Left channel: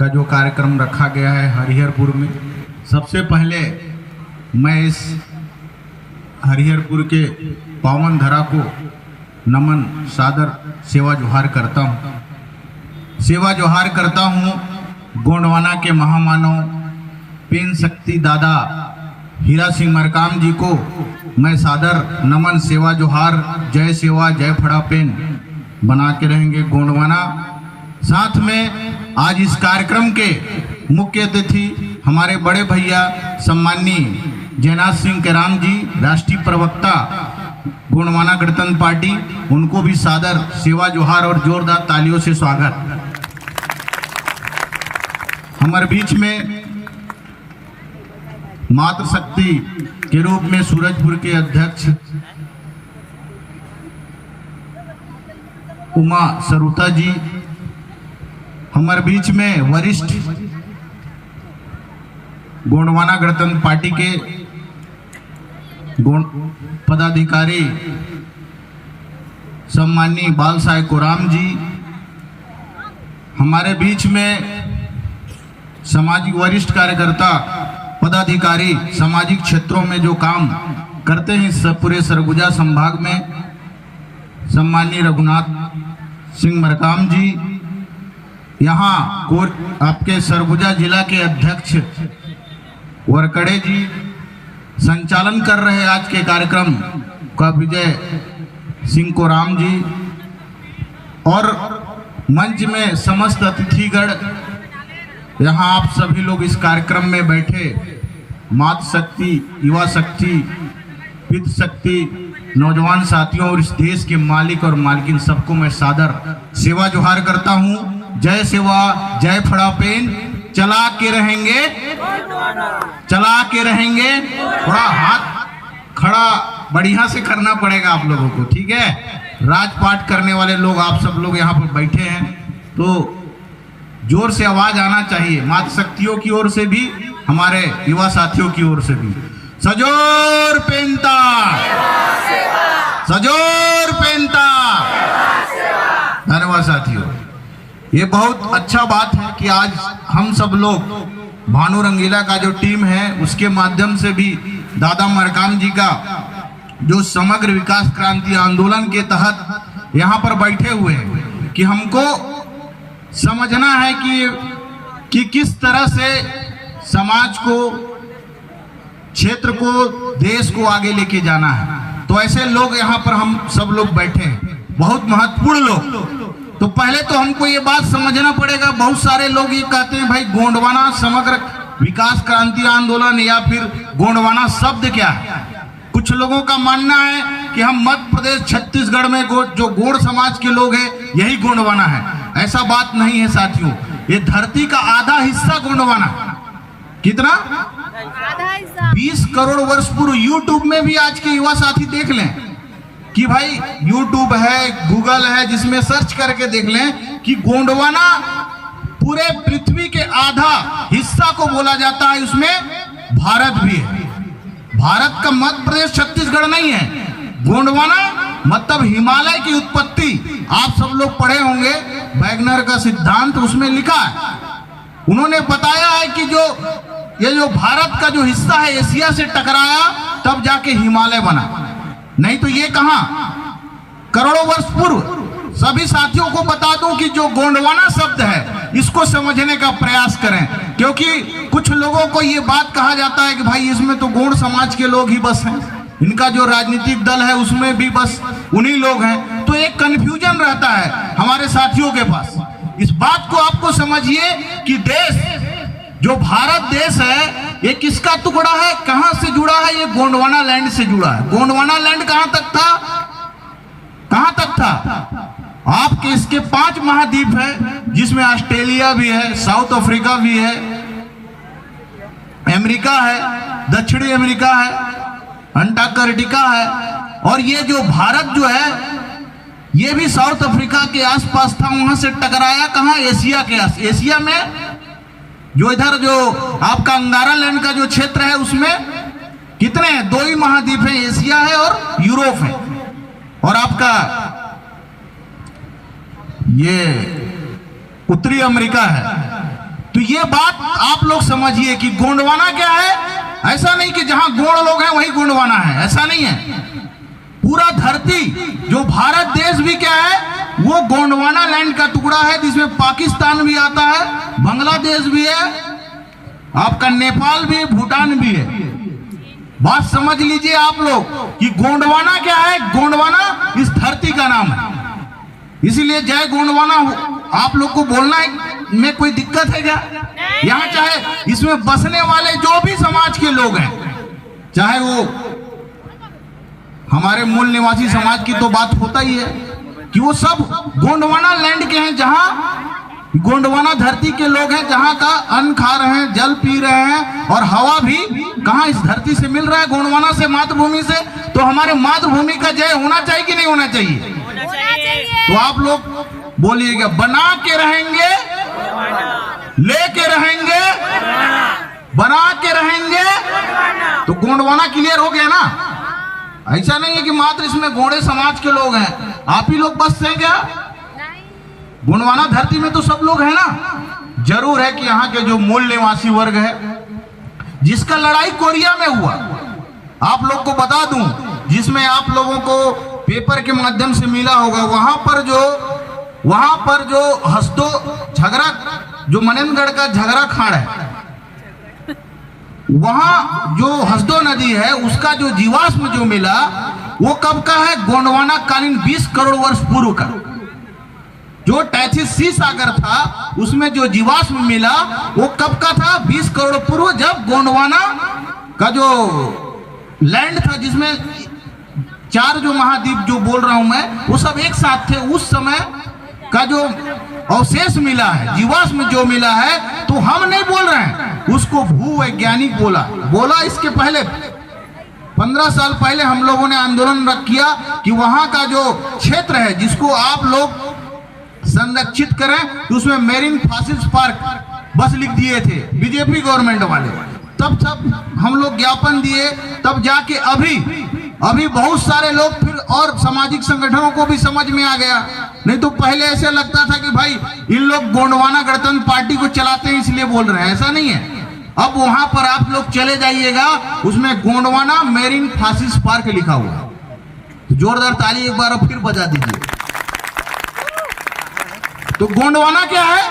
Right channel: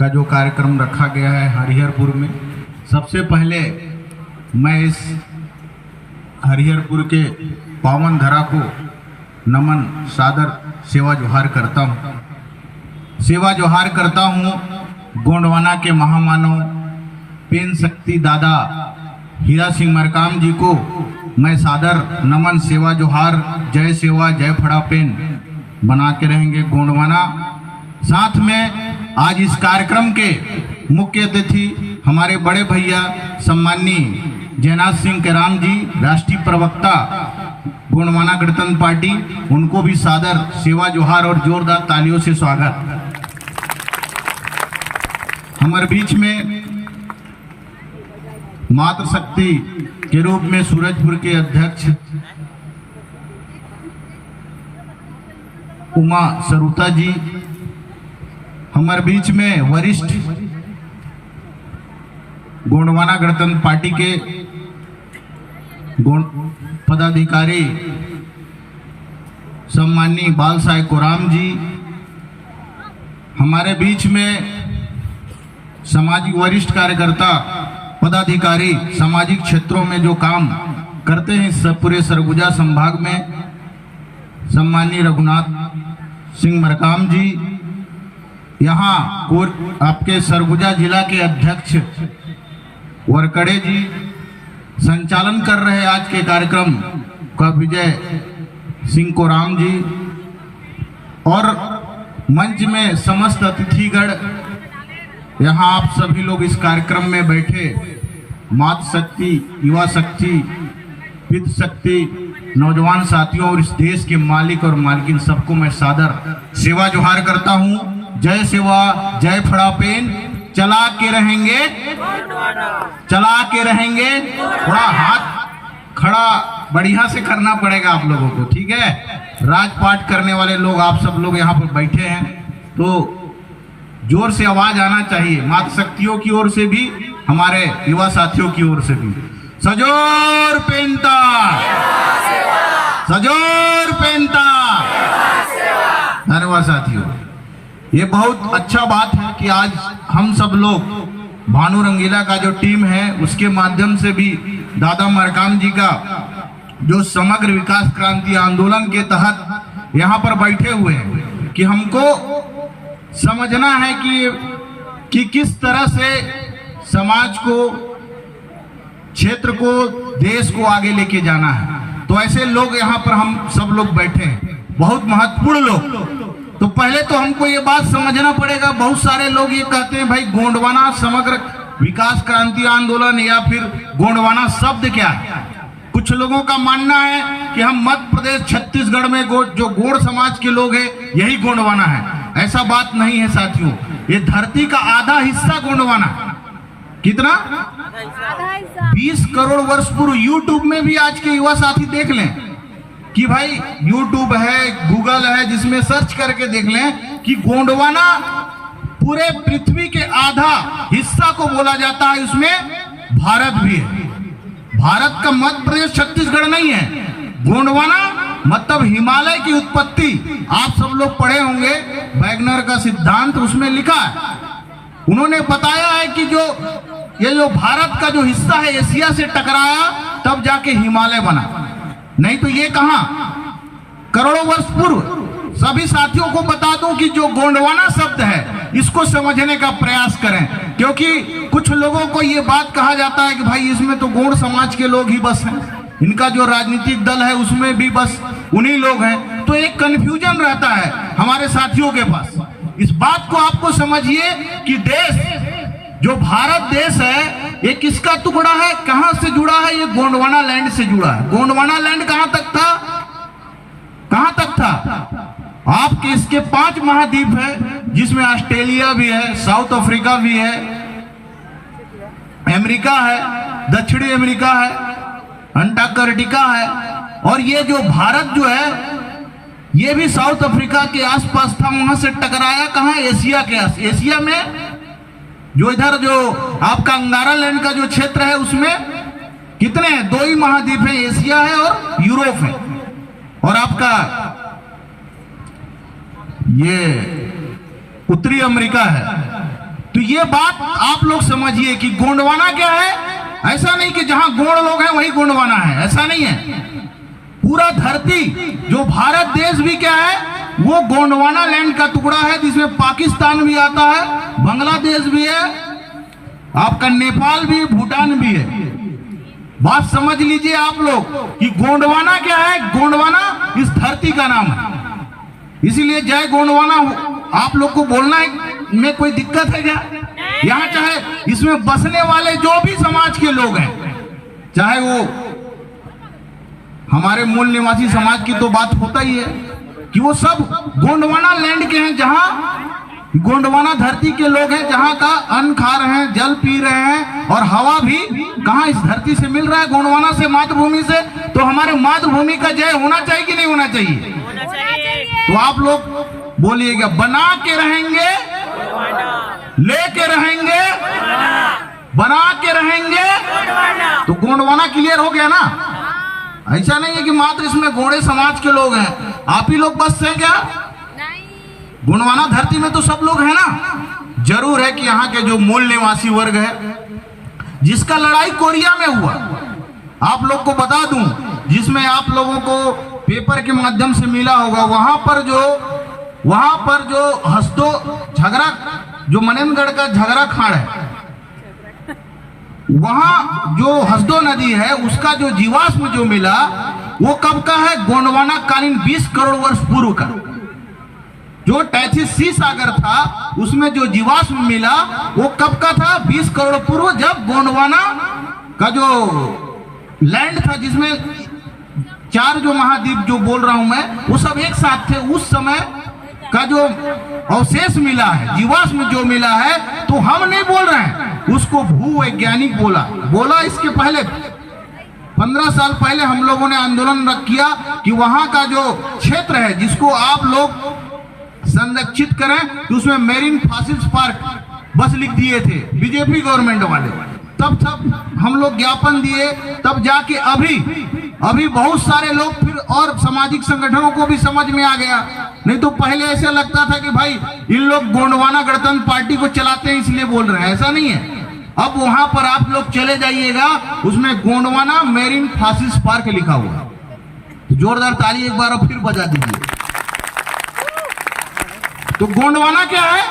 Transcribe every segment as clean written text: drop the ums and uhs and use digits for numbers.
का जो कार्यक्रम रखा गया है हरिहरपुर में। सबसे पहले मैं इस हरिहरपुर के पावन धरा को नमन सादर सेवा जोहार करता हूँ। सेवा जोहार करता हूँ गोंडवाना के महामानव पेन शक्ति दादा हीरा सिंह मरकाम जी को मैं सादर नमन सेवा जोहार जय सेवा जय फड़ा पेन बना के रहेंगे गोंडवाना। साथ में आज इस कार्यक्रम के मुख्य अतिथि हमारे बड़े भैया सम्माननीय जयनाथ सिंह केराम जी, राष्ट्रीय प्रवक्ता गोंडवाना गणतंत्र पार्टी, उनको भी सादर सेवा जोहार और जोरदार तालियों से स्वागत। हमारे बीच में मातृशक्ति के रूप में सूरजपुर के अध्यक्ष उमा सरुता जी, हमारे बीच में वरिष्ठ गोंडवाना गणतंत्र पार्टी के पदाधिकारी सम्माननीय बाल साहेब कोराम जी, हमारे बीच में सामाजिक वरिष्ठ कार्यकर्ता पदाधिकारी सामाजिक क्षेत्रों में जो काम करते हैं सब पूरे सरगुजा संभाग में सम्माननीय रघुनाथ सिंह मरकाम जी, यहाँ आपके सरगुजा जिला के अध्यक्ष वरकड़े जी, संचालन कर रहे आज के कार्यक्रम का विजय सिंह कोराम जी, और मंच में समस्त अतिथिगण, यहाँ आप सभी लोग इस कार्यक्रम में बैठे मातृ शक्ति, युवा शक्ति, पितृ शक्ति, नौजवान साथियों और इस देश के मालिक और मालकिन सबको मैं सादर सेवा जोहार करता हूँ। जय सेवा जय फड़ा पेन, चला के रहेंगे, चला के रहेंगे। थोड़ा हाथ खड़ा बढ़िया से करना पड़ेगा आप लोगों को, ठीक है। राजपाट करने वाले लोग आप सब लोग यहाँ पर बैठे हैं तो जोर से आवाज आना चाहिए, मातृ शक्तियों की ओर से भी, हमारे युवा साथियों की ओर से भी। सजोर पेनता, सजोर पेनता। धन्यवाद साथियों। ये बहुत अच्छा बात है कि आज हम सब लोग भानु रंगीला का जो टीम है उसके माध्यम से भी दादा मरकाम जी का जो समग्र विकास क्रांति आंदोलन के तहत यहाँ पर बैठे हुए हैं कि हमको समझना है कि किस तरह से समाज को, क्षेत्र को, देश को आगे लेके जाना है। तो ऐसे लोग यहाँ पर हम सब लोग बैठे हैं, बहुत महत्वपूर्ण लोग। तो पहले तो हमको ये बात समझना पड़ेगा, बहुत सारे लोग ये कहते हैं भाई गोंडवाना समग्र विकास क्रांति आंदोलन या फिर गोंडवाना शब्द क्या है। कुछ लोगों का मानना है कि हम मध्य प्रदेश छत्तीसगढ़ में जो गोंड समाज के लोग हैं यही गोंडवाना है। ऐसा बात नहीं है साथियों, ये धरती का आधा हिस्सा गोंडवाना। कितना? 20 करोड़ वर्ष पूर्व। यूट्यूब में भी आज के युवा साथी देख लें कि भाई यूट्यूब है, गूगल है, जिसमें सर्च करके देख लें कि गोंडवाना पूरे पृथ्वी के आधा हिस्सा को बोला जाता है, उसमें भारत भी है। भारत का मध्य प्रदेश छत्तीसगढ़ नहीं है। गोंडवाना मतलब हिमालय की उत्पत्ति। आप सब लोग पढ़े होंगे वैगनर का सिद्धांत, उसमें लिखा है, उन्होंने बताया है कि ये जो भारत का जो हिस्सा है एशिया से टकराया तब जाके हिमालय बना, नहीं तो ये कहां करोड़ों वर्ष पूर्व। सभी साथियों को बता दूं कि जो गोंडवाना शब्द है इसको समझने का प्रयास करें, क्योंकि कुछ लोगों को ये बात कहा जाता है कि भाई इसमें तो गोंड समाज के लोग ही बस हैं, इनका जो राजनीतिक दल है उसमें भी बस उन्हीं लोग हैं। तो एक कंफ्यूजन रहता है हमारे साथियों के पास। इस बात को आपको समझिए कि देश जो भारत देश है ये किसका टुकड़ा है, कहां से जुड़ा है? ये गोंडवाना लैंड से जुड़ा है। गोंडवाना लैंड कहां तक था? कहां तक था? आपके इसके 5 महाद्वीप है, जिसमें ऑस्ट्रेलिया भी है, साउथ अफ्रीका भी है, अमेरिका है, दक्षिणी अमेरिका है, अंटार्कटिका है, और ये जो भारत जो है ये भी साउथ अफ्रीका के आसपास था, वहां से टकराया कहां? एशिया के आस। एशिया में जो इधर जो आपका अंगारा लैंड का जो क्षेत्र है उसमें कितने हैं? 2 ही महाद्वीप है, एशिया है और यूरोप है। और आपका ये उत्तरी अमेरिका है, तो ये बात आप लोग समझिए कि गोंडवाना क्या है। ऐसा नहीं कि जहां गोंड लोग हैं वही गोंडवाना है, ऐसा नहीं है। पूरा धरती जो भारत देश भी क्या है वो गोंडवाना लैंड का टुकड़ा है, जिसमें पाकिस्तान भी आता है, बांग्लादेश भी है, आपका नेपाल भी, भूटान भी है। बात समझ लीजिए आप लोग कि गोंडवाना क्या है। गोंडवाना इस धरती का नाम है, इसीलिए जय गोंडवाना आप लोग को बोलना में कोई दिक्कत है क्या? यहाँ चाहे इसमें बसने वाले जो भी समाज के लोग हैं, चाहे वो हमारे मूल निवासी समाज की तो बात होता ही है कि वो सब गोंडवाना लैंड के हैं, जहां गोंडवाना धरती के लोग हैं, जहां का अन्न खा रहे हैं, जल पी रहे हैं, और हवा भी कहां इस धरती से मिल रहा है, गोंडवाना से, मातृभूमि से। तो हमारे मातृभूमि का जय होना चाहिए कि नहीं होना चाहिए? होना चाहिए। तो आप लोग बोलिएगा, बना के रहेंगे, लेके रहेंगे, बना के रहेंगे। तो गोंडवाना क्लियर हो गया ना। ऐसा नहीं है कि मात्र इसमें गोंडे समाज के लोग हैं, आप ही लोग बस हैं क्या? गोंडवाना धरती में तो सब लोग हैं ना। जरूर है कि यहाँ के जो मूल निवासी वर्ग है, जिसका लड़ाई कोरिया में हुआ, आप लोग को बता दूं, जिसमें आप लोगों को पेपर के माध्यम से मिला होगा, वहां पर जो हसदो झगड़ा, जो मनेंद्रगढ़ का झगड़ा खाड़ है, वहां जो हसदो नदी है उसका जो जीवाश्म जो मिला वो कब का है? गोंडवाना कालीन 20 करोड़ वर्ष पूर्व का। जो टैथिस सी सागर था उसमें जो जीवाश्म मिला वो कब का था? 20 करोड़ पूर्व, जब गोंडवाना का जो लैंड था, जिसमें 4 जो महाद्वीप जो बोल रहा हूं मैं, वो सब एक साथ थे। उस समय का जो अवशेष मिला है, जीवाश्म जो मिला है, तो हम नहीं बोल रहे हैं, उसको भूवैज्ञानिक बोला। इसके पहले 15 साल पहले हम लोगों ने आंदोलन किया कि वहां का जो क्षेत्र है जिसको आप लोग संरक्षित करें, तो उसमें मेरीन फॉसिल्स पार्क बस लिख दिए थे बीजेपी गवर्नमेंट वाले। तब हम लोग ज्ञापन दिए, तब जाके अभी बहुत सारे लोग फिर और सामाजिक संगठनों को भी समझ में आ गया। नहीं तो पहले ऐसे लगता था कि भाई इन लोग गोंडवाना गणतंत्र पार्टी को चलाते हैं इसलिए बोल रहे हैं, ऐसा नहीं है। अब वहां पर आप लोग चले जाइएगा, उसमें गोंडवाना मेरीन फॉसिल्स पार्क लिखा हुआ। तो जोरदार ताली एक बार फिर बजा दीजिए। तो गोंडवाना क्या है?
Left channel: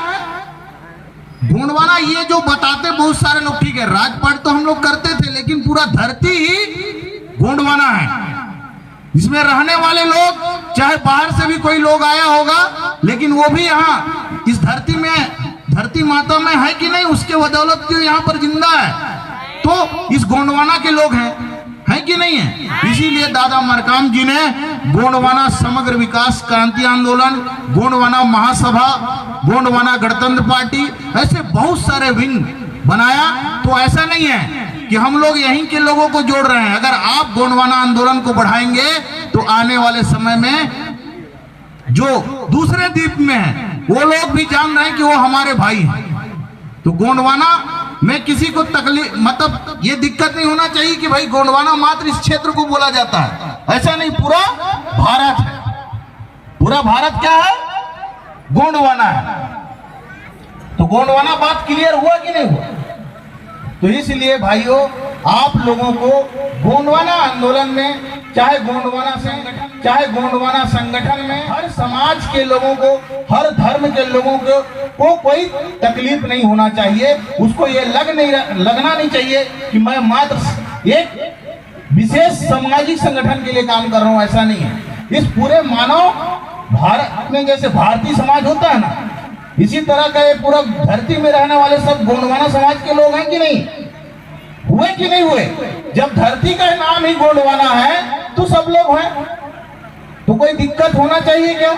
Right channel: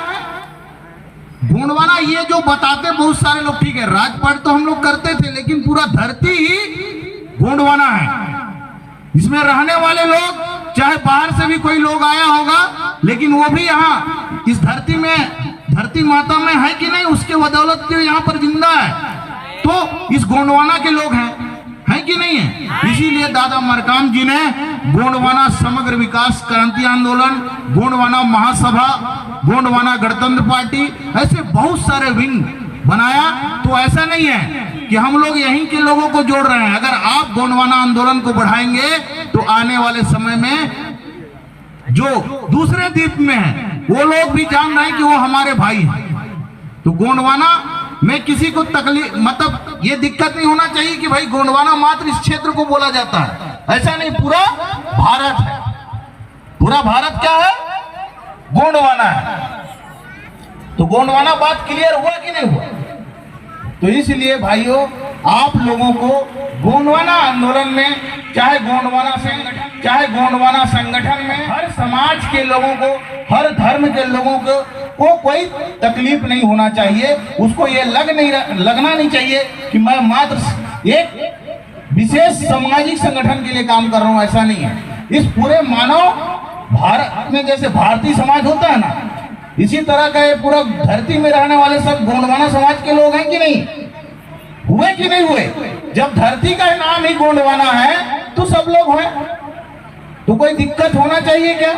गोंडवाना ये जो बताते बहुत सारे लोग, ठीक है, राजपाट तो हम लोग करते थे, लेकिन पूरा धरती ही गोंडवाना है। इसमें रहने वाले लोग, चाहे बाहर से भी कोई लोग आया होगा, लेकिन वो भी यहाँ इस धरती में, धरती माता में है कि नहीं, उसके बदौलत तो यहाँ पर जिंदा है। तो इस गोंडवाना के लोग हैं कि नहीं है? इसीलिए दादा मरकाम जी ने गोंडवाना समग्र विकास क्रांति आंदोलन, गोंडवाना महासभा, गोंडवाना गणतंत्र पार्टी, ऐसे बहुत सारे विंग बनाया। तो ऐसा नहीं है कि हम लोग यहीं के लोगों को जोड़ रहे हैं। अगर आप गोंडवाना आंदोलन को बढ़ाएंगे तो आने वाले समय में जो दूसरे द्वीप में हैं वो लोग भी जान रहे हैं कि वो हमारे भाई हैं। तो गोंडवाना में किसी को तकलीफ, मतलब ये दिक्कत नहीं होना चाहिए कि भाई गोंडवाना मात्र इस क्षेत्र को बोला जाता है, ऐसा नहीं, पूरा भारत है। पूरा भारत क्या है? गोंडवाना है। तो गोंडवाना बात क्लियर हुआ कि नहीं हुआ? तो इसलिए भाइयों, आप लोगों को गोंडवाना आंदोलन में, चाहे गोंडवाना संगठन में, हर समाज के लोगों को, हर धर्म के लोगों को कोई तकलीफ नहीं होना चाहिए। उसको ये लगना नहीं चाहिए कि मैं मात्र एक विशेष सामाजिक संगठन के लिए काम कर रहा हूं, ऐसा नहीं है। इस पूरे मानव भारत में जैसे भारतीय समाज होता है ना, इसी तरह का पूरा धरती में रहने वाले सब गोंडवाना समाज के लोग हैं कि नहीं? हुए कि नहीं हुए? जब धरती का नाम ही गोंडवाना है तो सब लोग हैं। तो कोई दिक्कत होना चाहिए क्या?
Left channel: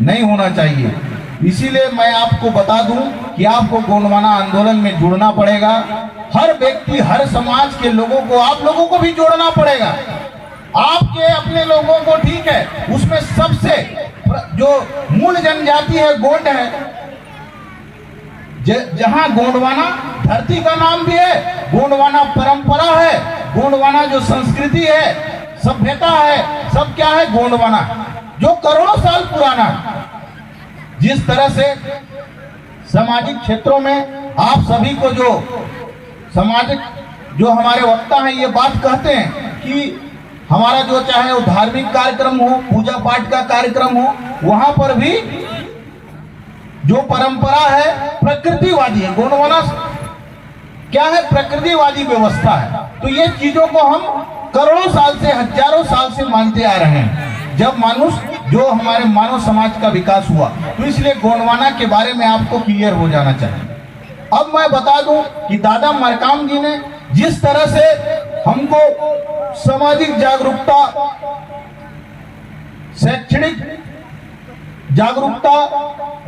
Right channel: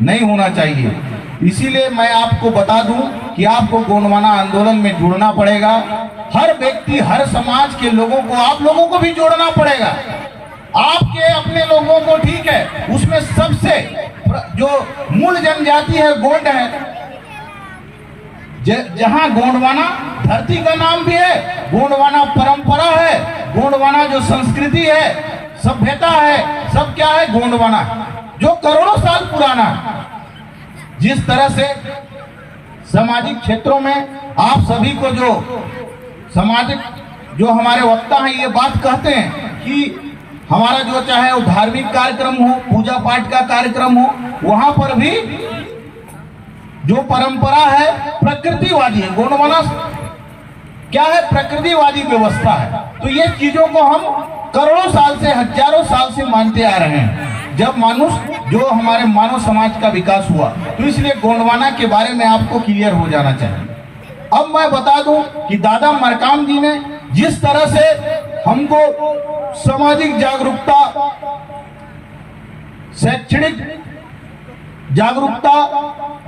नहीं होना चाहिए। इसीलिए मैं आपको बता दूं कि आपको गोंडवाना आंदोलन में जुड़ना पड़ेगा। हर व्यक्ति, हर समाज के लोगों को, आप लोगों को भी जोड़ना पड़ेगा। आपके अपने लोगों को, ठीक है, उसमें सबसे जो मूल जनजाति है गोंड है, जहां गोंडवाना धरती का नाम भी है, गोंडवाना परंपरा है, गोंडवाना जो संस्कृति है, सभ्यता है, सब क्या है? गोंडवाना, जो करोड़ों साल पुराना। जिस तरह से सामाजिक क्षेत्रों में आप सभी को जो सामाजिक जो हमारे वक्ता हैं ये बात कहते हैं कि हमारा जो चाहे वो धार्मिक कार्यक्रम हो, पूजा पाठ का कार्यक्रम हो, वहां पर भी जो परंपरा है प्रकृतिवादी है। गोंडवाना क्या है? प्रकृतिवादी व्यवस्था है। तो ये चीजों को हम करोड़ों साल से, हजारों साल से मानते आ रहे हैं। जब मनुष्य जो हमारे मानव समाज का विकास हुआ, तो इसलिए गोंडवाना के बारे में आपको क्लियर हो जाना चाहिए। अब मैं बता दूं कि दादा मरकाम जी ने जिस तरह से हमको सामाजिक जागरूकता, शैक्षणिक जागरूकता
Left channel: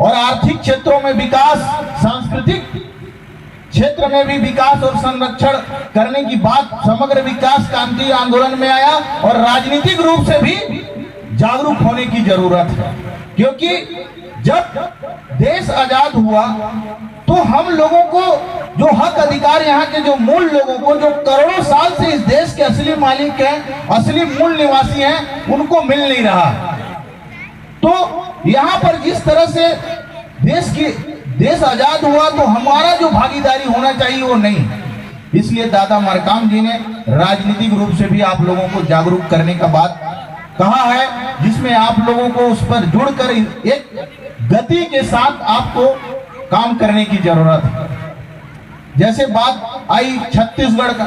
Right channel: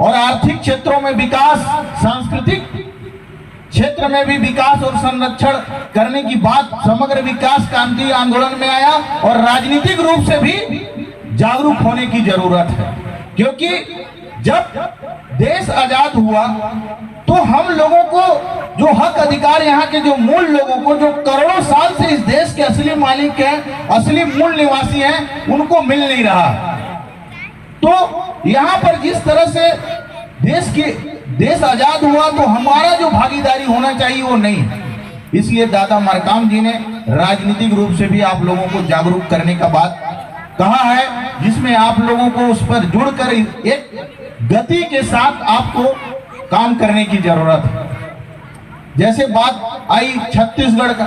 और आर्थिक क्षेत्रों में विकास, सांस्कृतिक क्षेत्र में भी विकास और संरक्षण करने की बात समग्र विकास क्रांति आंदोलन में आया, और राजनीतिक रूप से भी जागरूक होने की जरूरत है। क्योंकि जब देश आजाद हुआ तो हम लोगों को जो हक अधिकार, यहाँ के जो मूल लोगों को, जो करोड़ों साल से इस देश के असली मालिक हैं, असली मूल निवासी हैं, उनको मिल नहीं रहा। तो यहाँ पर जिस तरह से देश आजाद हुआ तो हमारा जो भागीदारी होना चाहिए वो नहीं। इसलिए दादा मरकाम जी ने राजनीतिक रूप से भी आप लोगों को जागरूक करने का बात कहा है, जिसमें आप लोगों को उस पर जुड़कर एक गति के साथ आपको काम करने की जरूरत है। जैसे बात आई छत्तीसगढ़ का,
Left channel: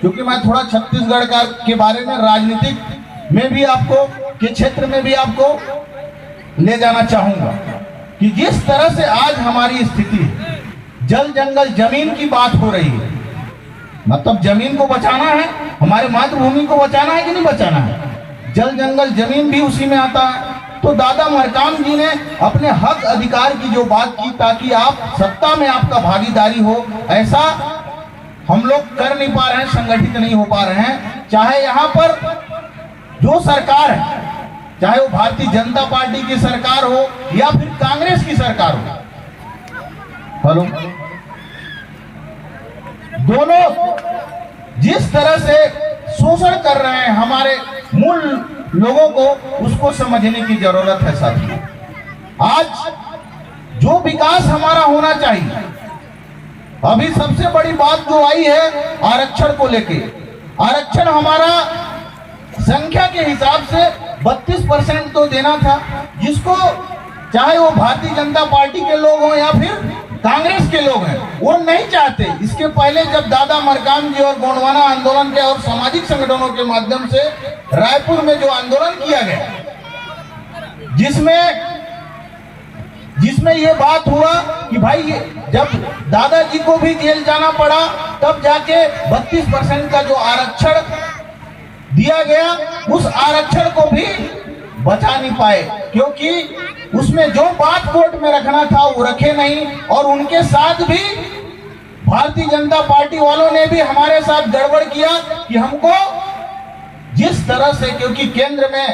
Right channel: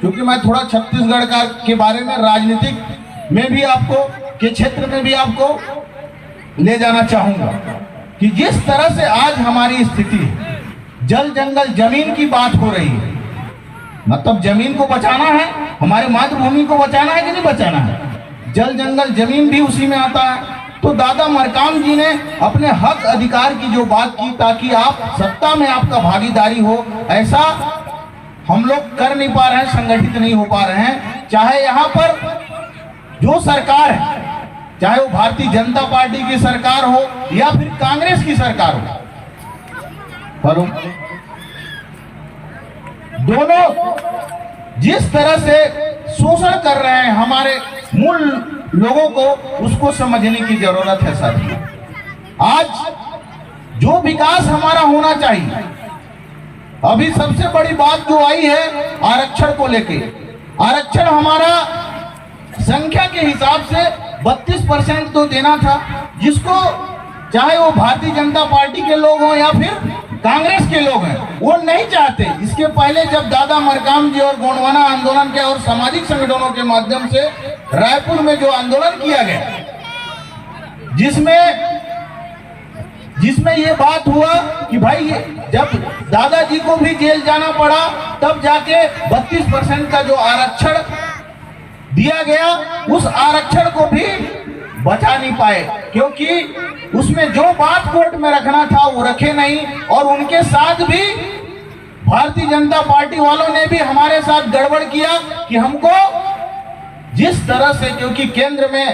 क्योंकि मैं थोड़ा छत्तीसगढ़ का के बारे में राजनीतिक में भी आपको के क्षेत्र में भी आपको ले जाना चाहूंगा कि जिस तरह से आज हमारी स्थिति है, जल जंगल जमीन की बात हो रही है, मतलब जमीन को बचाना है, हमारे मातृभूमि को बचाना है कि नहीं बचाना है, जल जंगल जमीन भी उसी में आता है। तो दादा मरकाम जी ने अपने हक अधिकार की जो बात की, ताकि आप सत्ता में आपका भागीदारी हो, ऐसा हम लोग कर नहीं पा रहे हैं, संगठित नहीं हो पा रहे हैं। चाहे यहाँ पर जो सरकार है, चाहे वो भारतीय जनता पार्टी की सरकार हो या फिर कांग्रेस की सरकार हो, हेलो, दोनों जिस तरह से शोषण कर रहे हैं हमारे मूल लोगों को, उसको समझने की जरूरत है साथियों। आज जो विकास हमारा होना चाहिए, अभी सबसे बड़ी बात जो आई है आरक्षण को लेके, आरक्षण हमारा संख्या के हिसाब से 32% तो देना था, जिसको चाहे वो भारतीय जनता पार्टी के लोग हों या फिर कांग्रेस के लोग हैं, वो नहीं चाहते। इसके पहले जब दादा मरकाम जी और गोंडवाना आंदोलन के और सामाजिक संगठनों के माध्यम से रायपुर में जो आंदोलन किया गया, जिसमें ये बात हुआ कि भाई जब दादाजी को भी जेल जाना पड़ा, तब जाके 32% का जो आरक्षण दिया गया, उस आरक्षण को भी बचा नहीं पाए, क्योंकि उसमें जो बात कोर्ट में रखना था वो रखे नहीं। और उनके साथ भी भारतीय जनता पार्टी वालों ने भी हमारे साथ गड़बड़ किया कि हमको जिस तरह से, क्योंकि केंद्र में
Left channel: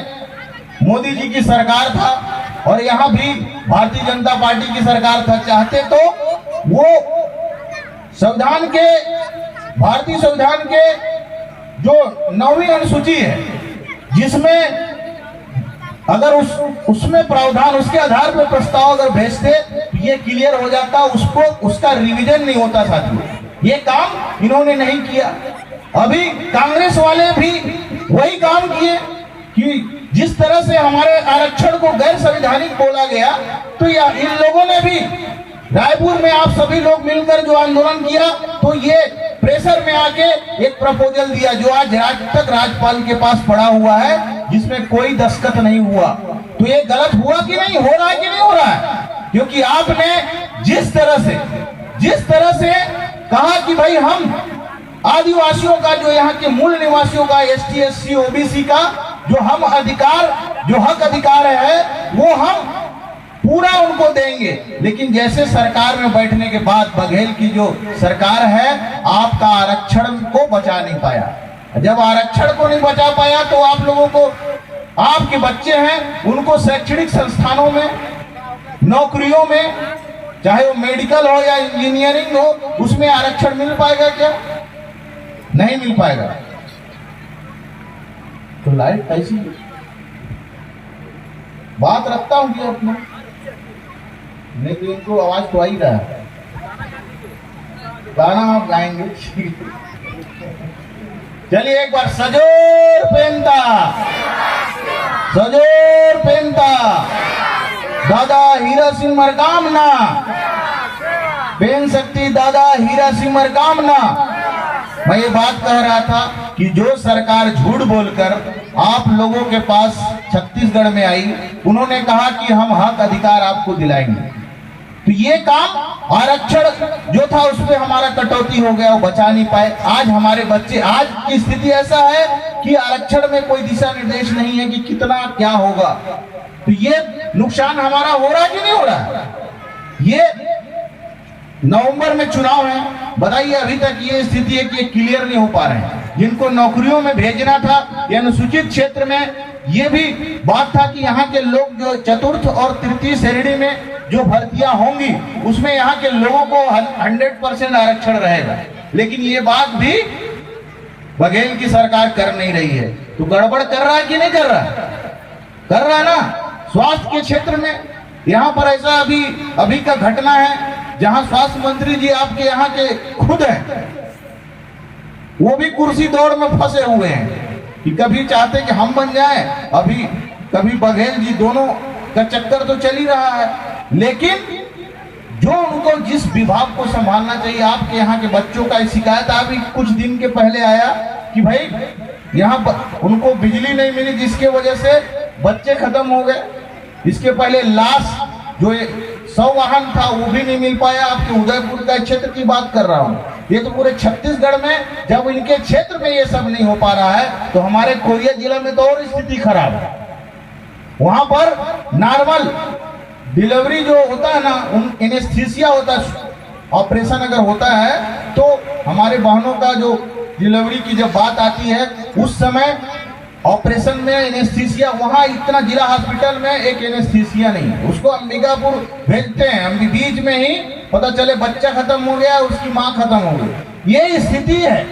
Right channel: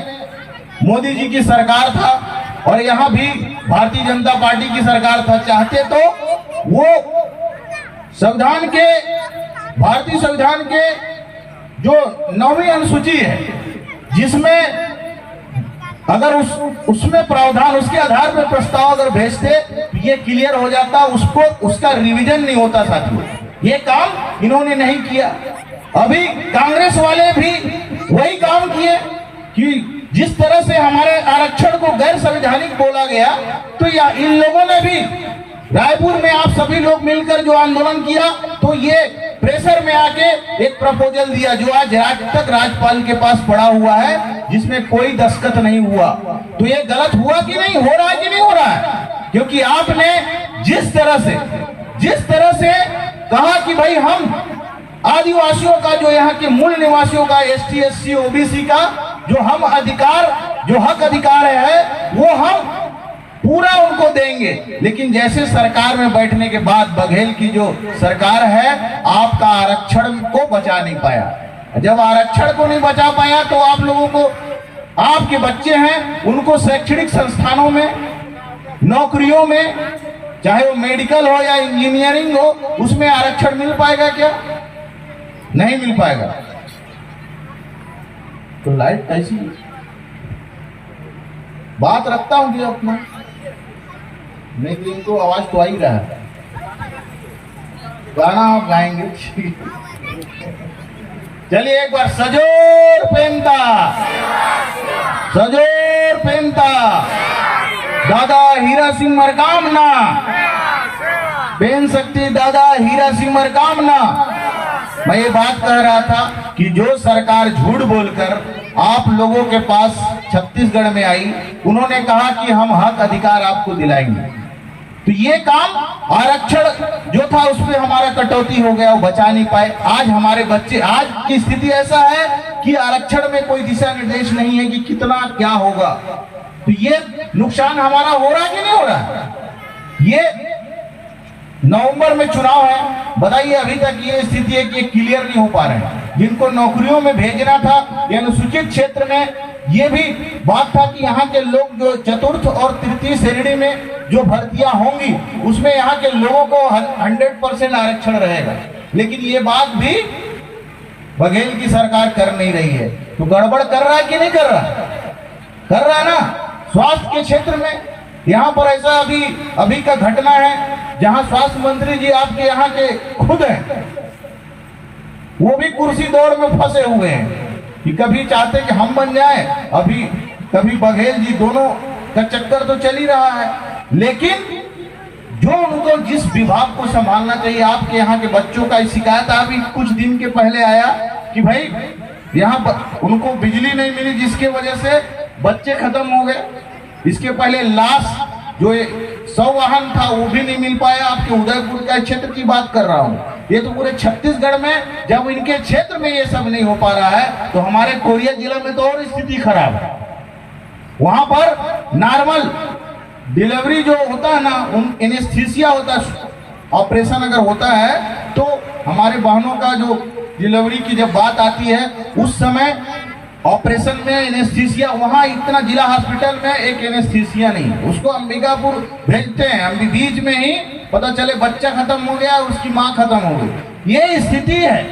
मोदी जी की सरकार था और यहाँ भी भारतीय जनता पार्टी की सरकार था, चाहते तो वो संविधान के, भारतीय संविधान के जो 9वीं अनुसूची है, जिसमें अगर उसमें प्रावधान, उसके आधार पर प्रस्ताव अगर भेजते तो ये क्लियर हो जाता, उसका रिवीजन नहीं होता साथियों। ये काम इन्होंने नहीं किया। अभी कांग्रेस वाले भी वही काम किए कि जिस तरह से हमारे आरक्षण को गैर संवैधानिक बोला गया, तो इन लोगों ने भी रायपुर में आप सभी लोग मिलकर जो आंदोलन किया, तो ये प्रेशर में आके एक प्रपोजल दिया जो आज तक राज्यपाल के पास पड़ा हुआ है, जिसमें कोई दस्तखत नहीं हुआ। तो ये गलत हुआ कि नहीं, हो रहा है कि नहीं हो रहा है? क्योंकि आपने जिस तरह से कहा कि भाई हम आदिवासियों का, जो यहाँ के मूल निवासियों का, ST SC OBC का जो हम अधिकार, जो हक अधिकार है, वो हम पूरा उनको देंगे। लेकिन जैसे सरकार में बैठने के बाद बघेल की जो सरकार है, आपका आरक्षण को बचा नहीं पाया। जब आरक्षण को नहीं बचा पाया तो आप लोगों को, आपके बच्चे हैं उनको शैक्षणिक संस्थानों में, नौकरियों में, चाहे वो मेडिकल हो या इंजीनियरिंग हो, उसमें आरक्षण मिल पाएगा क्या? नहीं मिल पाएगा। तो लाइट ऐसी बात रखता हूं कि अपना नहीं तो इनको आवाज तो आ ही रहा है। गाना आप गाएंगे? चलिए एक बार सजोर पेमता, सजोर पेमता दादा हीरा सिंह मरकामना, बेन शक्ति दादा हीरा सिंह मरकामना। मैं ये बात कह रहा था कि जो सरकार झूठ बोलकर आप लोगों के पास छत्तीसगढ़ में आई, उन्होंने कहा कि हम हक अधिकार आपको दिलाएंगे, तो ये काम आरक्षण जो था उसमें हमारा कटौती हो गया, वो बचा नहीं पाए। आज हमारे बच्चे, आज की स्थिति ऐसा है कि आरक्षण में कोई दिशा निर्देश नहीं है कि कितना क्या होगा, तो ये नुकसान हमारा हो रहा है कि नहीं हो रहा? ये नवंबर में चुनाव है, बताइए अभी तक ये स्थिति है कि क्लियर नहीं हो पा रहे हैं। जिनको नौकरियों में भेजना था या अनुसूचित क्षेत्र में, ये भी बात था कि यहाँ के लोग जो चतुर्थ और तृतीय श्रेणी में जो भर्तियां होंगी उसमें यहाँ के लोगों को 100% आरक्षण रहेगा, लेकिन ये बात भी बघेल की सरकार कर नहीं रही है। तो गड़बड़ कर रहा है कि नहीं कर रहा है? कर रहा है ना। स्वास्थ्य के क्षेत्र में यहाँ पर ऐसा अभी का घटना है जहाँ स्वास्थ्य मंत्री जी आपके यहाँ के खुद हैं, वो भी कुर्सी दौड़ में फंसे हुए हैं कि कभी चाहते कि हम बन जाएं, अभी कभी बघेल जी, दोनों का चक्कर तो चल ही रहा है। लेकिन जो उनको जिस विभाग को संभालना चाहिए, आपके यहाँ के बच्चों का शिकायत अभी कुछ दिन के पहले आया कि भाई यहाँ उनको बिजली नहीं मिली, जिसके वजह से बच्चे खत्म हो गए। इसके पहले लाश जो 100 वाहन था वो भी नहीं मिल पाया। आपके उदयपुर का क्षेत्र की बात कर रहा हूँ, ये तो पूरे छत्तीसगढ़ में जब इनके क्षेत्र में ये सब नहीं हो पा रहा है, तो हमारे कोरिया जिला में तो और स्थिति खराब है। वहां पर नॉर्मल डिलीवरी जो होता है ना, एनेस्थीसिया होता है, ऑपरेशन अगर होता है तो हमारे बहनों का जो डिलीवरी की जब बात आती है उस समय ऑपरेशन में एनेस्थीसिया, वहां इतना जिला हॉस्पिटल में एक एनेस्थीसिया नहीं है, उसको अंबिकापुर भेजते हैं। हम बीच में ही पता चले बच्चा खत्म हो गया, उसकी माँ खत्म हो गई। ये स्थिति है।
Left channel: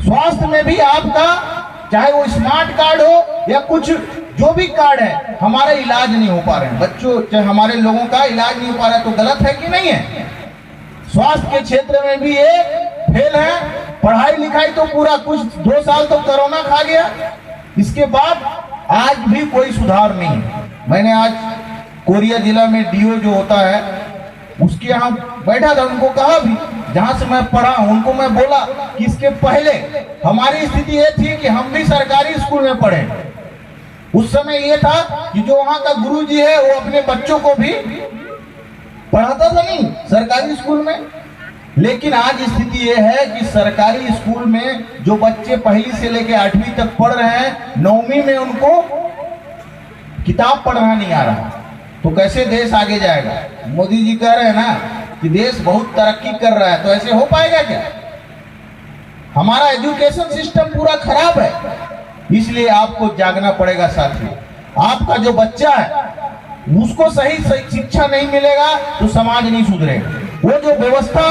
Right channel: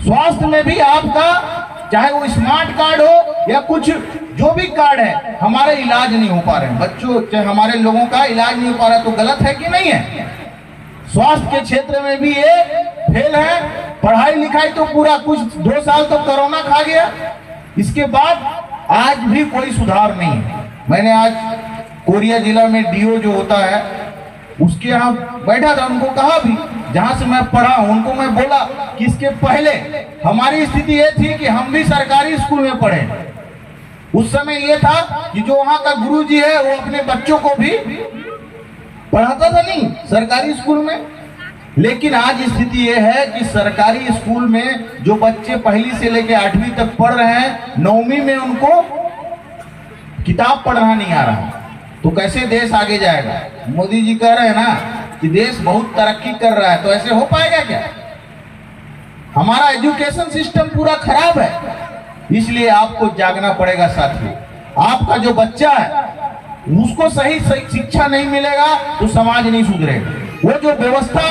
स्वास्थ्य में भी आपका चाहे वो स्मार्ट कार्ड हो या कुछ जो भी कार्ड है, हमारा इलाज नहीं हो पा रहे हैं। बच्चों चाहे हमारे लोगों का इलाज नहीं हो पा रहा है, तो गलत है कि नहीं है? स्वास्थ्य के क्षेत्र में भी ये फेल है। पढ़ाई लिखाई तो पूरा कुछ 2 साल तो कोरोना खा गया, इसके बाद आज भी कोई सुधार नहीं है। मैंने आज कोरिया जिला में डीओ जो होता है उसके यहाँ बैठा था, उनको कहा भी, जहां से मैं पढ़ा उनको मैं बोला कि इसके पहले हमारी स्थिति ये थी कि हम भी सरकारी स्कूल में पढ़े। उस समय ये था कि जो वहां का गुरुजी है वो अपने बच्चों को भी पढ़ाता था नहीं सरकारी स्कूल में। लेकिन आज स्थिति ये है कि सरकारी स्कूल में जो बच्चे 1ली से लेकर 8वीं तक पढ़ रहे हैं, 9वीं में उनको किताब पढ़ना नहीं आ रहा, तो कैसे देश आगे जाएगा? मोदी जी कह रहे हैं ना कि देश बहुत तरक्की कर रहा है, तो ऐसे हो पाएगा क्या? हमारा एजुकेशन सिस्टम पूरा खराब है, इसलिए आपको जागना पड़ेगा साथियों। आपका जो बच्चा है उसको सही शिक्षा नहीं मिलेगा तो समाज नहीं सुधरेगा। वो जो व्यवस्था,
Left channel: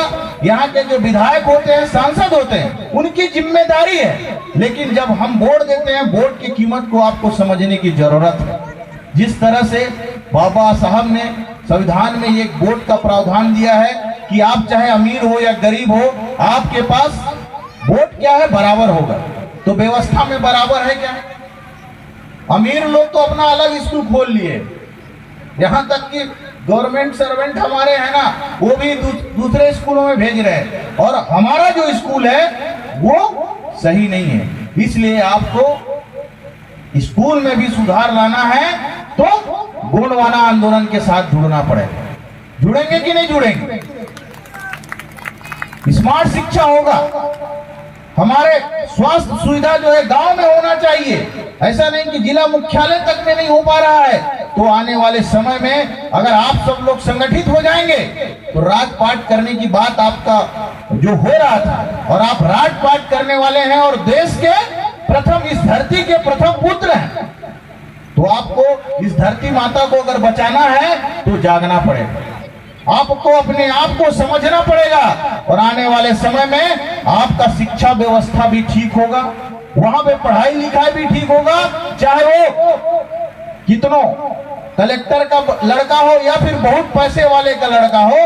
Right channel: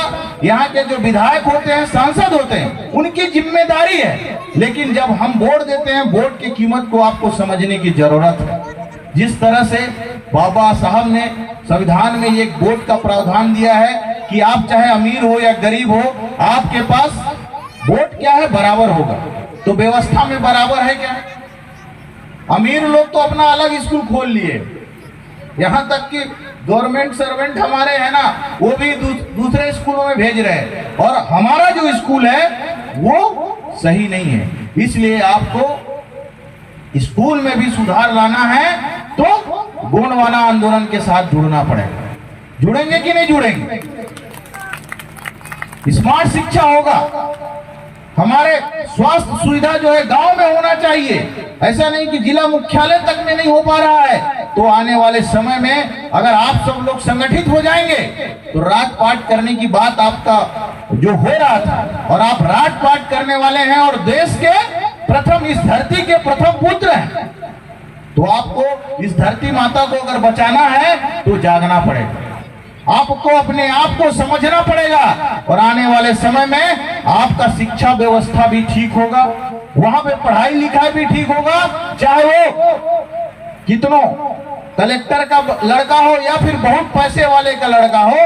यहाँ के जो विधायक होते हैं, सांसद होते हैं, उनकी जिम्मेदारी है। लेकिन जब हम वोट देते हैं, वोट की कीमत को आपको समझने की जरूरत है। जिस तरह से बाबा साहब ने संविधान में एक वोट का प्रावधान दिया है कि आप चाहे अमीर हो या गरीब हो, आपके पास वोट क्या है, बराबर होगा। तो व्यवस्था में बराबर है क्या? अमीर लोग तो अपना अलग स्कूल खोल लिए, यहाँ तक कि गवर्नमेंट सर्वेंट हमारे हैं ना, वो भी दूसरे स्कूलों में भेज रहे हैं, और हमारा जो स्कूल है वो सही नहीं है। इसलिए आपको स्कूल में भी सुधार लाना है तो गुणवाना आंदोलन के साथ जुड़ना पड़ेगा। जुड़ेंगे कि नहीं जुड़ेंगे? स्मार्ट शिक्षा होगा, हमारे स्वास्थ्य सुविधा जो है गांव में होना चाहिए। ऐसा नहीं कि जिला मुख्यालय तक में नहीं हो पा रहा है। तो आने वाले समय में अगर आप सब लोग संगठित हो जाएंगे तो राजपाट करने की बात आपका जो हो रहा था, और आप राजपाट करने वाले हैं और देश के प्रथम, इस धरती के प्रथम पुत्र हैं, तो आपको इस धरती माता को अगर बचाना है तो जागना पड़ेगा। आपको अपने आप को समझना पड़ेगा, और आने वाले समय में आपका शिक्षा व्यवस्था भी ठीक होगा, वहां पे पढ़ाई लिखाई भी ठीक होगा, चाहे वो कितनों कलेक्टर का लड़का हो या फिर बहुत पैसे वाले का लड़का हो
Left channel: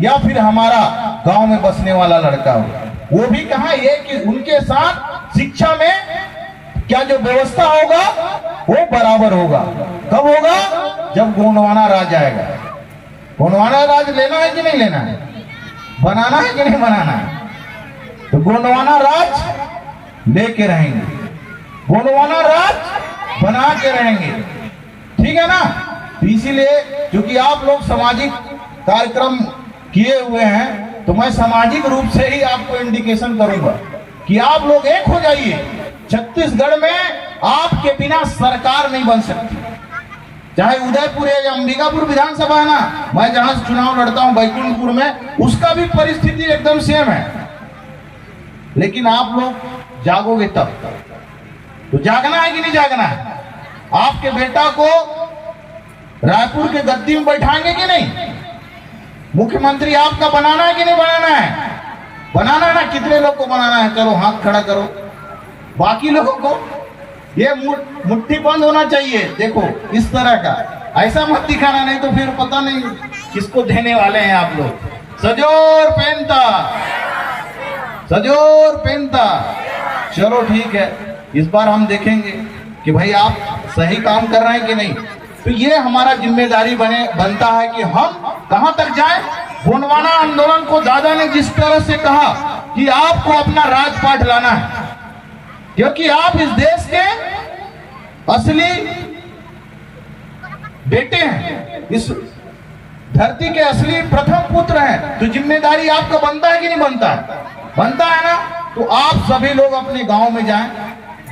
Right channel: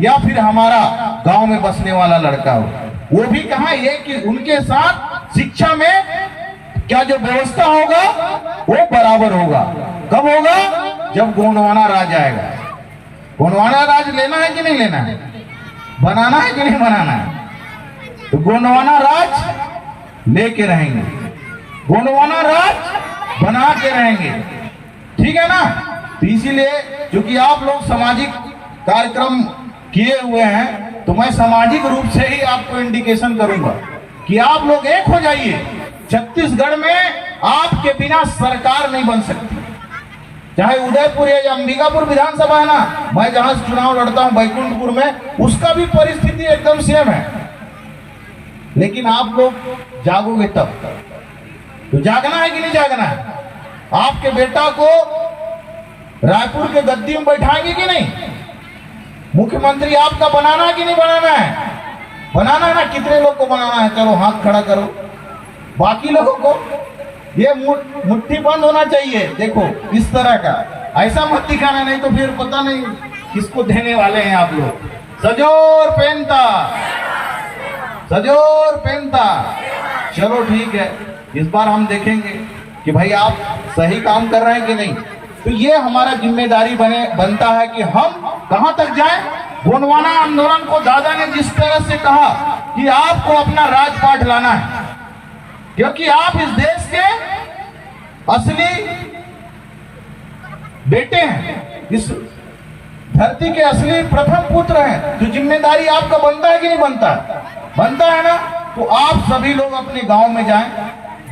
या फिर हमारा गांव में बसने वाला लड़का हो, वो भी कहा ये कि उनके साथ शिक्षा में क्या जो व्यवस्था होगा वो बराबर होगा। कब होगा? जब गोंडवाना राज आएगा। गोंडवाना राज लेना है कि नहीं लेना है, बनाना है कि नहीं बनाना है? तो गोंडवाना राज लेके रहेंगे, गोंडवाना राज बना के रहेंगे, ठीक है ना। तो इसीलिए क्योंकि आप लोग सामाजिक कार्यक्रम किए हुए हैं तो मैं सामाजिक रूप से ही आपको इंडिकेशन करूंगा कि आप लोग एक हो जाइए। छत्तीसगढ़ में आपके बिना सरकार नहीं बन सकती। चाहे उदयपुर या अंबिकापुर विधानसभा है ना, मैं जहां से चुनाव लड़ता हूं बैकुंठपुर में, उसका भी परिस्थिति एकदम सेम है। लेकिन आप लोग जागोगे तब। तो जागना है कि नहीं जागना है? आपके बेटा को रायपुर के गद्दी में बैठाएंगे कि नहीं? मुख्यमंत्री आपका बनाना है कि नहीं बनाना है? बनाना है ना। कितने लोग को बनाना है? चलो हाथ खड़ा करो। बाकी लोगों को ये मुट्ठी बंद होना चाहिए। देखो इस तरह का, ऐसा मत दिखाना, नहीं तो फिर पता नहीं किसको देने वाले हैं आप लोग। सजोर पेंता, सजोर पेंता। चलो ठीक है, इस बार हम देखेंगे कि भाई आप सही काम कर रहे हैं कि नहीं। तो ये हमारा जिम्मेदारी बनता है कि हम कहां तक जाएं। गोंडवाना आंदोलन को दादा ने जिस तरह से कहा कि आपको अपना राजपाट लाना है, क्योंकि आप इस देश के असली बेटे हैं, इस धरती के असली प्रथम पुत्र हैं। तो जिम्मेदारी आपका बनता है कि नहीं बनता है? बनता है ना। तो आप सभी लोग अपने गांव में जाएं,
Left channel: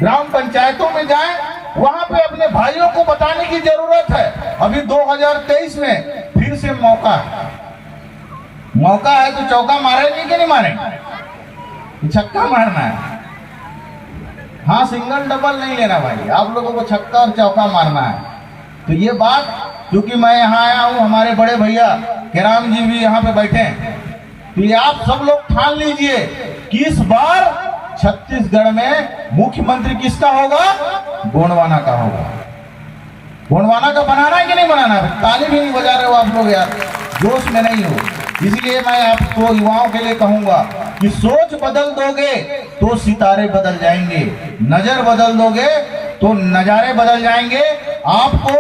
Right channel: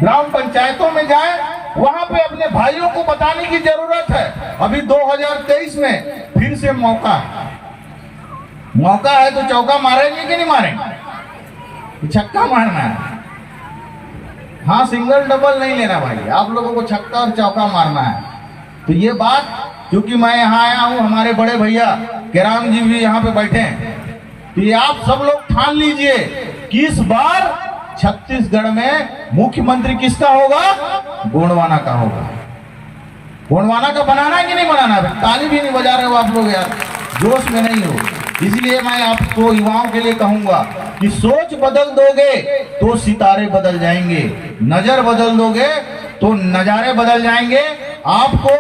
ग्राम पंचायतों में जाएं, वहां पे अपने भाइयों को बताने की जरूरत है। अभी 2023 में फिर से मौका है, मौका है तो चौका मारेंगे कि नहीं मारेंगे? छक्का मारना है। हाँ, सिंगल डबल नहीं लेना भाई, आप लोगों को छक्का और चौका मारना है। तो ये बात, क्योंकि मैं यहाँ आया हूँ, हमारे बड़े भैया केराम जी भी यहाँ पे बैठे हैं, तो ये आप सब लोग ठान लीजिए कि इस बार छत्तीसगढ़ में मुख्यमंत्री किसका होगा? गोंडवाना का होगा। गोंडवाना का बनाना है कि नहीं बनाना है? ताली भी नहीं बजा रहे हो आप लोग यार, जोश में नहीं हो। इसलिए मैं आपको युवाओं के लिए कहूंगा कि सोच बदल दोगे तो सितारे बदल जाएंगे, नजर बदल दोगे तो नजारे बदल जाएंगे। आपको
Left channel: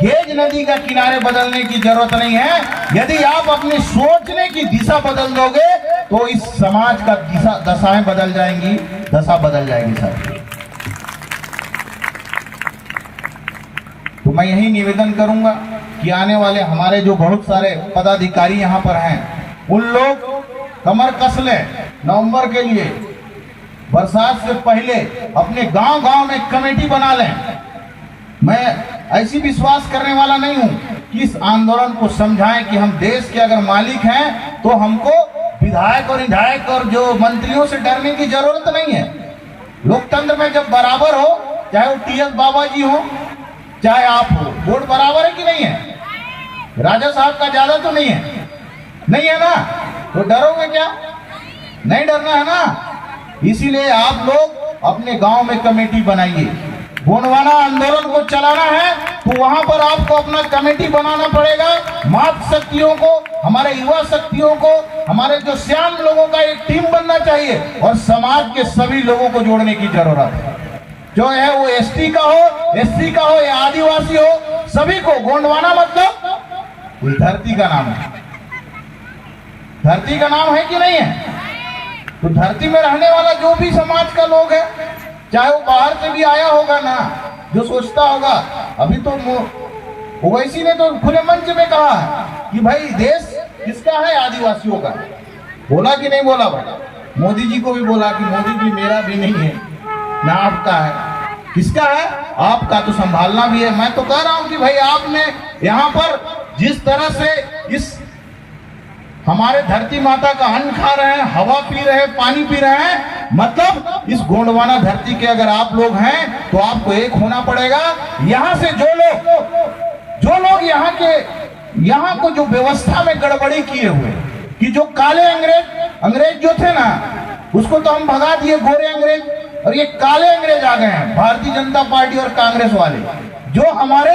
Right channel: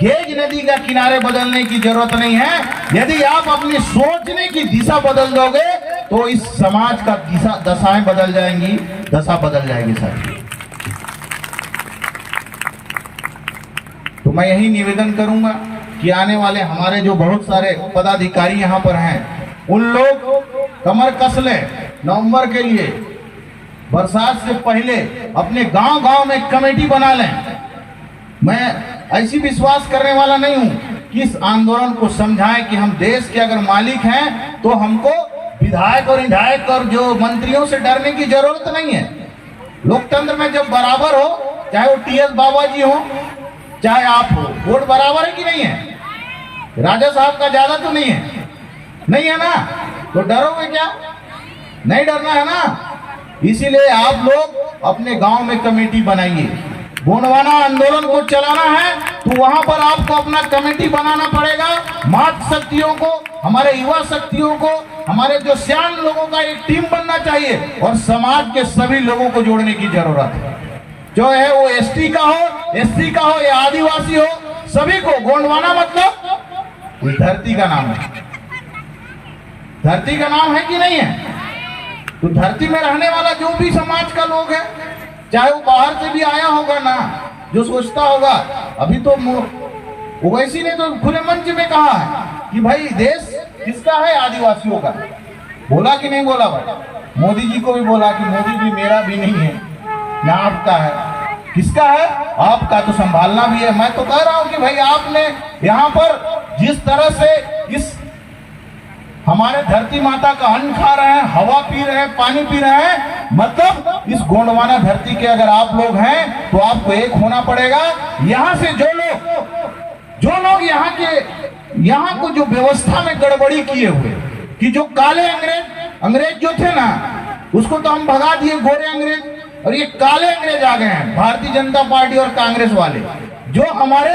गेज नदी का किनारे बदलने की जरूरत नहीं है। यदि आप अपनी सोचने की दिशा बदल दोगे तो इस समाज का दशाएं बदल जाएंगी, दशा बदल जाएगी सर। तो मैं यही निवेदन करूंगा कि आने वाले हमारे जो बहुत सारे पदाधिकारी यहाँ पर हैं, उन लोग कमर कस लें। नवंबर के लिए बरसात से पहले अपने गांव-गांव में कमेटी बना लें। मैं ऐसी विश्वास करने वाला नहीं हूं कि इस आंदोलन को समझाएं कि हम देश के अगर मालिक हैं तो हमको विधायक और विधायक और जो मंत्रियों से डरने की जरूरत नहीं है। लोकतंत्र में जब बराबर हो, चाहे वो टीएस बाबा जी हो चाहे आप हो, वोट बराबर है कि नहीं है? राजा साहब का ज्यादा तो नहीं है, नहीं है ना? तो डरोगे क्या? नहीं डरना है ना। इसीलिए आप लोग अपने गांव में कमेटी बनाइए। गोंडवाना आंदोलन को चलाना है तो वहां पर आपको अपना कमेटी बनाना पड़ेगा। मातृ शक्तियों को, हमारे युवा शक्तियों को, हमारे जो सियान लोगों का एक टीम बनना चाहिए और समाज के सभी लोगों को जोड़ने की जरूरत है। जो है वो एसटी का हो, एससी का हो या आदिवासी हो, सभी को। गोंडवाना मतलब इस धरती का नाम है, धरती का नाम है कि नहीं है? तो धरती में रहने वाला जो भी समाज का लोग है, चाहे वो बाहर से भी आया होगा ना, जो सोचता होगा। अभी तो ओवैसी ने तो खुले मंच में कहा कि भाई देश किसका है? आदिवासियों का। बोला कि नहीं बोला भाई? मोदी जी को भी बोला कि मोदी जी मेरा भी नहीं है ना आपका है। किसका है? आपका। तो संभालना भी है। मैं तो कह रहा हूं कि भाई आपने यहाँ पर जिस तरह से इस हमारे धरती माता का अन्न खा रहे हैं, हवा पी रहे हैं, पानी पी रहे हैं, मतलब इस गोंडवाना धरती के अगर आप लोग हैं तो आपको एक होना पड़ेगा। यहाँ से जो लोग यहाँ को जो व्यवस्था में गड़बड़ी किए हुए, कि जो काले अंग्रेज जो थे ना, उसको तो हम भगा दिए, गोरे अंग्रेज, और ये काले अंग्रेज आ गए हैं, भारतीय जनता पार्टी और कांग्रेस वाले, जो हमारे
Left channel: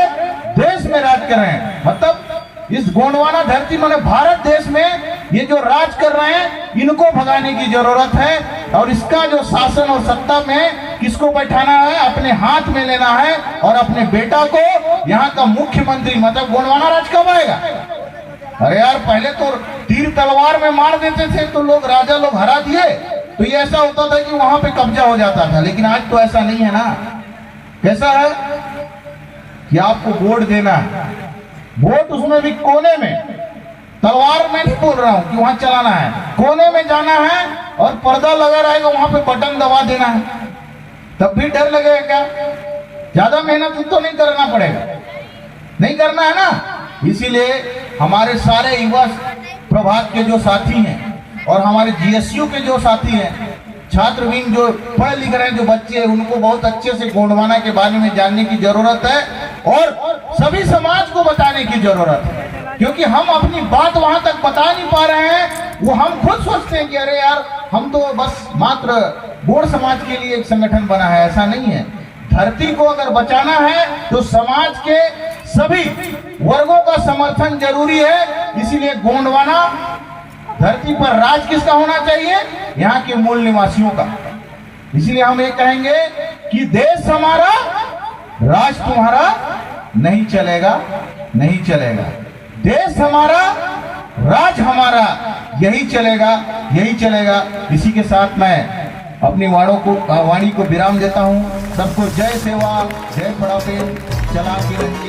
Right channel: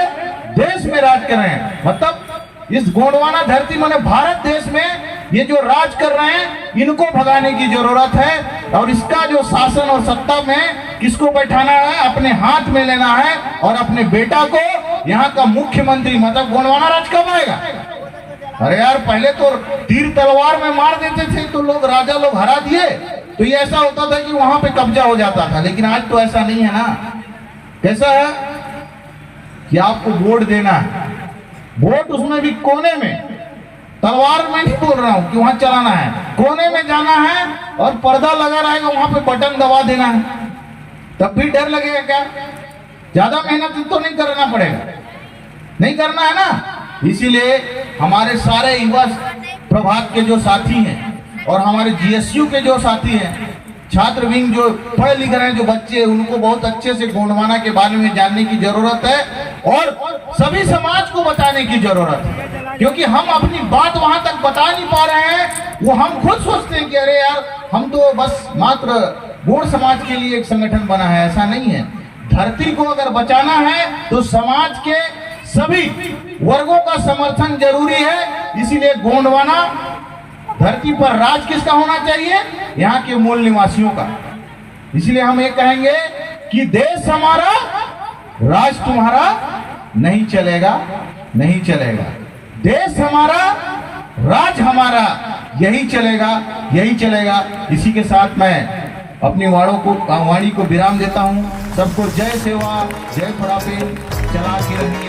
देश में राज कर रहे हैं। मतलब इस गोंडवाना धरती माने भारत देश में ये जो राज कर रहे हैं, इनको भगाने की जरूरत है। और इसका जो शासन और सत्ता में किसको बैठाना है, अपने हाथ में लेना है और अपने बेटा को यहाँ का मुख्यमंत्री। मतलब गोंडवाना राज कब आएगा? अरे यार, पहले तो तीर तलवार में मार देते थे तो लोग, राजा लोग हरा दिए तो ये ऐसा होता था कि वहां पे कब्जा हो जाता था। लेकिन आज तो ऐसा नहीं है ना। कैसा है कि आपको वोट देना है, वोट उसमें भी कोने में, तलवार में नहीं बोल रहा हूं कि वहां चलाना है, कोने में जाना है और पर्दा लगा रहेगा, वहां पे बटन दबा देना है। तब भी डर लगेगा क्या? ज्यादा मेहनत तो नहीं करना पड़ेगा, नहीं करना है ना। इसीलिए हमारे सारे युवा प्रभात के जो साथी हैं और हमारे जीएसयू के जो साथी हैं, छात्र विंग जो पढ़े लिख रहे हैं, जो बच्चे, उनको बहुत अच्छे से गोंडवाना के बारे में जानने की जरूरत है और सभी समाज को बताने की जरूरत है। क्योंकि हम अपनी बात वहां तक बता नहीं पा रहे हैं। वो हम खुद सोचते हैं कि अरे यार, हम तो बस मात्र गोंड समाज के लिए एक संगठन बना है। ऐसा नहीं है। धरती को अगर बचाना है तो समाज के सभी वर्गों का समर्थन जरूरी है। इसीलिए गोंडवाना धरती पर राज किसका होना चाहिए? यहाँ के मूल निवासियों का। इसलिए हम ये कहेंगे कि देश हमारा, राज तुम्हारा नहीं चलेगा, नहीं चलेगा। देश हमारा, राज हमारा, यही चलेगा, यही चलेगा। इसी के साथ मैं अपनी वाणी को विराम देता हूँ। सबको जय सेवा, जय थोड़ा चला के